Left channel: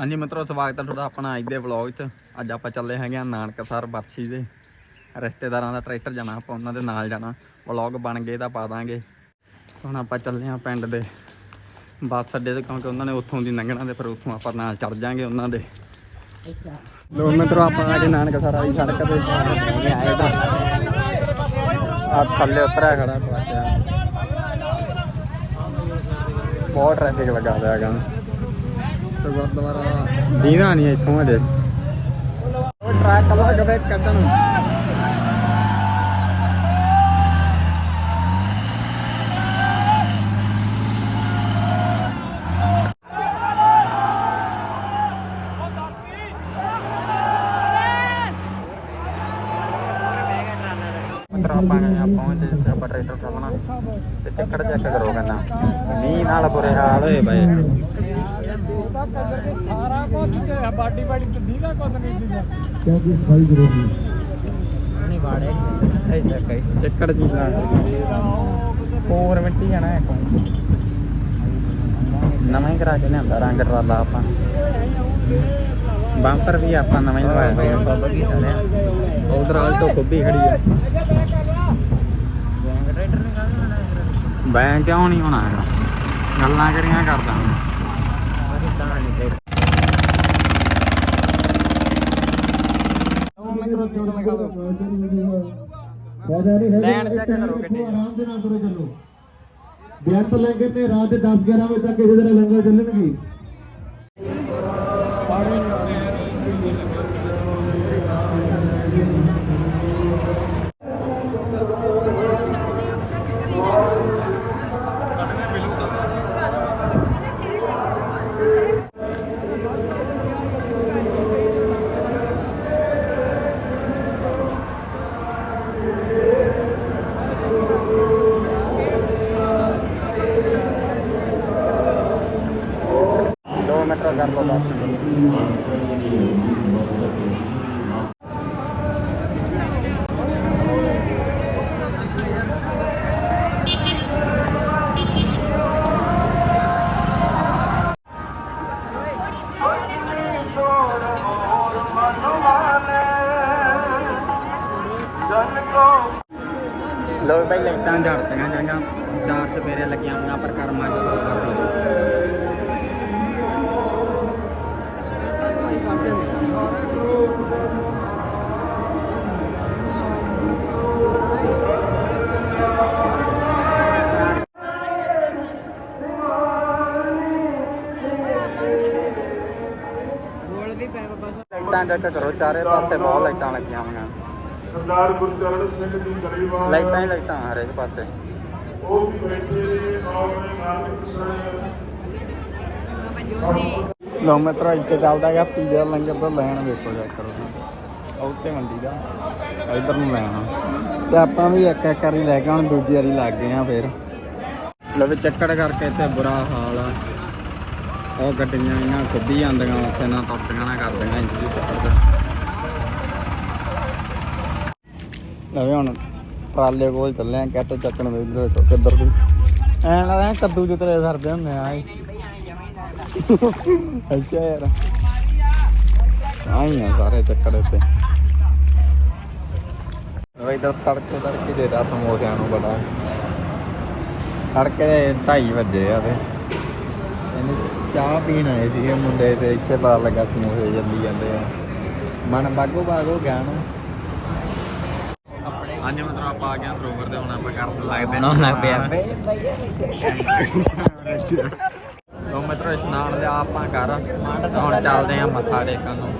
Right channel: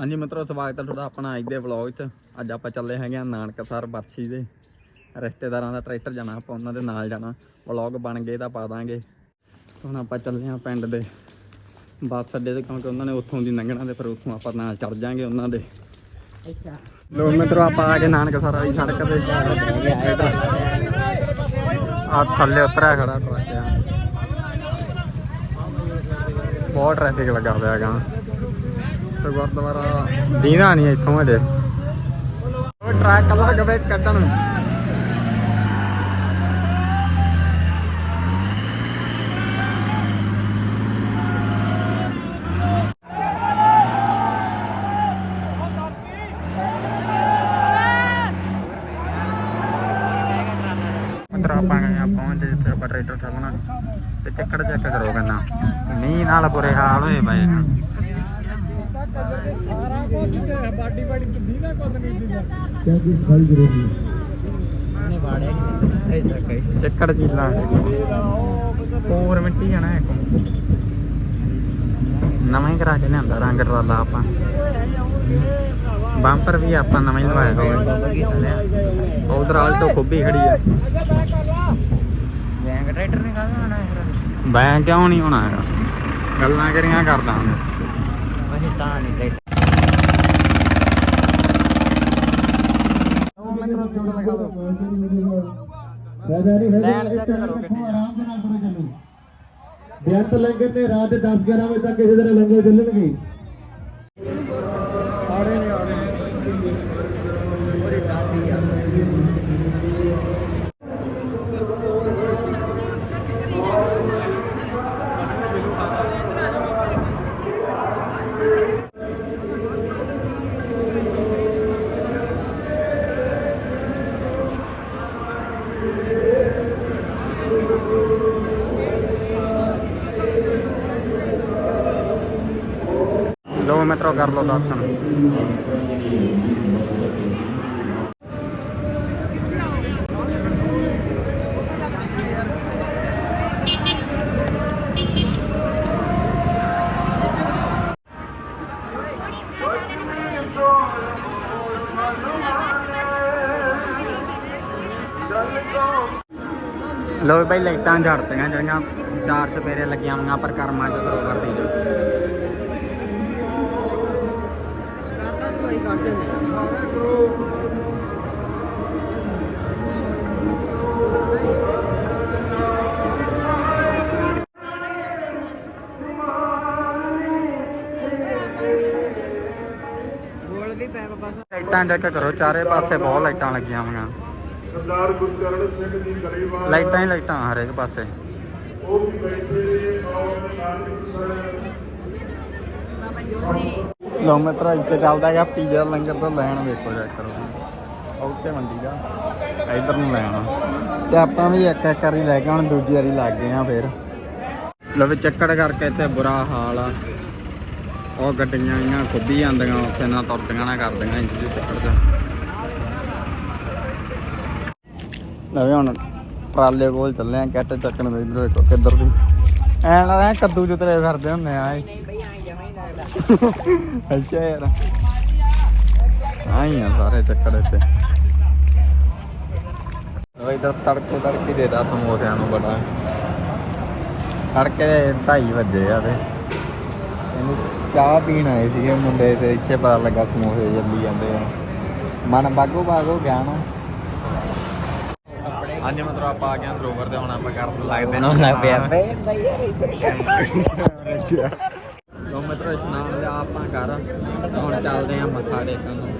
ਹਾਂਜੀ ਮਿੱਤਰੋ, ਸਵਾਗਤ ਹੈ ਤੁਹਾਡਾ ਆਪਣਾ ਅੱਜ ਦੇ ਵਲੌਗ 'ਚ। ਅੱਜ ਆਪਾਂ ਚੱਲੇ ਹੈਗੇ ਆ ਨਾਨਕਸਰ ਬਰਸੀ ਦੇ। ਰਿਸ਼ਤੇਦਾਰਾਂ ਦਾ ਟਰੈਕਟਰ ਜਾਣਾ, ਆਪਾਂ ਉਹਨਾਂ ਦੇ ਨਾਲ ਜਾਣਾ। ਵਲੌਗ ਬਣ ਗਏ ਤਾਂ ਪਾ ਦਾਂਗੇ। ਹੁਣ ਆਪਾਂ ਚੱਲੇ ਆ ਪਿੰਡ ਦੇ ਬੱਸ ਅੱਡੇ ਤੇ, ਕਿਉਂਕਿ ਉਹਨਾਂ ਨੇ ਉੱਥੋਂ ਦੀ ਲੰਘਣਾ ਤੇ ਫਿਰ ਉੱਥੋਂ ਆਪਾਂ ਨਾਲ ਚੜ ਜਾਾਂਗੇ ਉਹਨਾਂ ਦੇ। ਲੋ ਮਿੱਤਰੋ, ਆਪਾਂ ਆ ਕੇ ਨਾਨਕਸਰ ਵਾਲੀ ਸੜਕ ਤੇ ਆ ਥੱਲੇ ਉਤਰਿਆ ਖੜਾ ਬਹੁਤ ਟ੍ਰੈਫਿਕ ਲੱਗਾ ਹੋਇਆ ਹੈਗਾ। ਤੇ ਗੁਰਦੁਆਰਾ ਦੀਨਾ ਨਹੀਂ ਇੱਥੋਂ ਹਜੇ ਟਰੱਕ ਲੱਗ ਪਏ ਕੱਢਣ ਆਪਾਂ ਗਏ ਆ ਪਹੁੰਚ ਤੇ ਆਪਾਂ ਟਰੈਕਟਰ ਸਾਹਮਣਾ ਤੇ ਚੱਕੜ ਚੈੱਕ ਕਰੋ ਕਹਿੰਦਾ ਮੀਂਹ ਨਾਲ ਬੁਰੇ ਹਾਲ ਹੋਏ ਪਏ ਆ। ਸਾਰਾ ਕੁਝ ਕਿ ਬਾਡੀ ਬਾਡੀ ਤੇ ਦੀਦਾ ਕੁਝ ਨਹੀਂ ਦੀਦਾ ਕਿਉਂਕਿ ਜ਼ਰੂਰੀ ਨੇ ਬਾੜੇ ਚੱਕੜ ਚੀਜ਼ਾਂ ਹੋਰ ਮਿੱਟੀ ਜਾਣਾ ਹੈ ਨਵਾਂ ਹੀ ਕਰਾ ਕੇ ਲਿਆਂਦਾ ਰੰਗ ਟਰਾਲਾ ਆਪਾਂ। ਬੰਪਰ ਵੀ ਆਪਾਂ ਨਵਾਂ ਹੀ ਲਵਾਇਆ ਹੋਇਆ। ਉਧਰ ਆਲਟੋ ਖੁੱਬੀ ਖੜੀ ਆ ਬੈਂਕ ਟਰੈਕਟਰ ਨਹੀਂ ਕਾਹਨੂੰ ਕਿਉਂ ਨਹੀਂ ਹੋਣਾ ਹੈਗਾ? ਗੱਲਾਂ ਕਰੀਆਂ ਕਰਦਾ ਤੂੰ? ਬੇਅੰਤ ਲੰਗਰ ਤੇ ਰਾਤ ਦੇ 10 11 ਵਜੇ ਤੱਕ ਕਿਸੇ ਤਰ੍ਹਾਂ ਲੰਗਰ ਚੱਲਣਗੇ ਦੋ ਲੋ ਭਾਈ ਲਾਈਟਾਂ ਝੜਤੀਆਂ ਜਿਹੜੀਆਂ ਚਾਰ ਚਪੇਰੇ ਲੱਗੀਆਂ ਹੋਈਆਂ ਪਰ ਕਰਮਾਂ ਕਰਦੀ ਜੋ ਵੀ ਪੈ ਬਸ। ਲਾਈਟਾਂ ਚੈੱਕ ਕਰੋ ਚਾਰੇ ਪਾਸੇ ਬਹੁਤ ਲਾਈਟਾਂ ਲੱਗੀਆਂ ਹੋਈਆਂ। ਸਰਦਾਰ ਗੁਰਚਰਨ ਸਿੰਘ ਜੀ ਗਰੀਬਾਂ ਲਾਈਟਾਂ ਹੀ ਲਾਈਟਾਂ ਹਰੇਕ ਪਾਸੇ। ਉਹ ਵੀ ਬੈਠੇ ਔਰ ਨਾਨਕ ਸਰ। ਲੋ ਮੈਂ ਤਰਾ ਇੱਥੇ ਚੱਲਦਾ ਗਿਆ ਪੀਜ਼ਾ ਲੰਗਰ ਤੋਂ ਲੈਣ ਵੇਚਣਾ ਉਹ ਤੇ ਮੰਡੀ ਦਾ ਇਧਰ ਨਹੀਂ ਲੈਣਾ ਤੇ ਆਪਾਂ ਵੀ ਇੱਕ ਇੱਕ ਵਾਰੀ ਲੈ ਕੇ ਹੁਣ ਦੂਜੀ ਵਾਰੀ ਲੱਗ ਗਏ ਆ ਫੇਰ। ਨਵੇਂ ਚੱਕੜ ਕਰਕੇ ਇੱਥੇ ਬੁਰਾ ਹਾਲ ਆ। ਉਹ ਗੱਡੀਆਂ ਇਹਨਾਂ ਖੁੱਬੀ ਜਾਂਦੀਆਂ ਉੱਥੇ ਨਾ ਤੁਰਦੀਆਂ ਨਾ ਕਰਦੀਆਂ ਇੰਜ ਚੱਕੜ ਚ ਨਵੇਂ ਹੁਣ ਟਰਾਲੇ ਕੋਲ ਚੱਲੇ ਆ ਕੱਟ ਚੱਕਣ ਵੇਖ ਇੱਕ ਕਿੱਧਰ ਦੀ। ਐਂ ਲੱਗਦਾ ਕੱਦੂ ਚ ਫਿਰਦੇ ਹੁੰਦੇ ਆ ਇਹ। ਅੱਛਾ ਯਾਰ। ਆਈ ਨਾ ਸਾਰੇ ਚੱਕਰ ਇੱਥੇ। ਮੈਂ ਤਾਂ ਤੜਕੇ ਤੜਕੇ ਦੇ ਦਾ ਤੁਹਾਨੂੰ ਉਹਦੇ ਨੂੰ ਬੜਾ ਤੜਕੇ 2:30 ਵਜੇ ਆ ਵੇ ਚਾਹ ਪੀਣ ਆਏ ਸੀਗੇ ਮੁੰਡੇ ਤੇ, ਇੱਥੇ ਪਤਾ ਲੱਗਾ ਸਮੋਸੇ ਜੱਲੀ ਜਾਂਦੇ ਆ। ਮਨ ਬਾਗੋ ਬਾਗ ਹੋ ਗਿਆ ਨਾ। ਹਾਂਜੀ ਮਤਲਬ ਆਪਾਂ ਆ ਗਏ ਸਰੋਵਰ ਤੇ ਹੁਣ ਆਪਾਂ ਕਰਨ ਲੱਗਦੇ ਨਾ ਲੱਗ ਪਿਆ ਲੋ ਮਿੱਤਰੋ ਇਸ਼ਨਾਨ ਲਿਆ ਆਪਾਂ ਕਰ ਹੁਣ ਚੱਲਦੇ ਆ ਮੱਥਾ ਟੇਕਣ ਨੂੰ।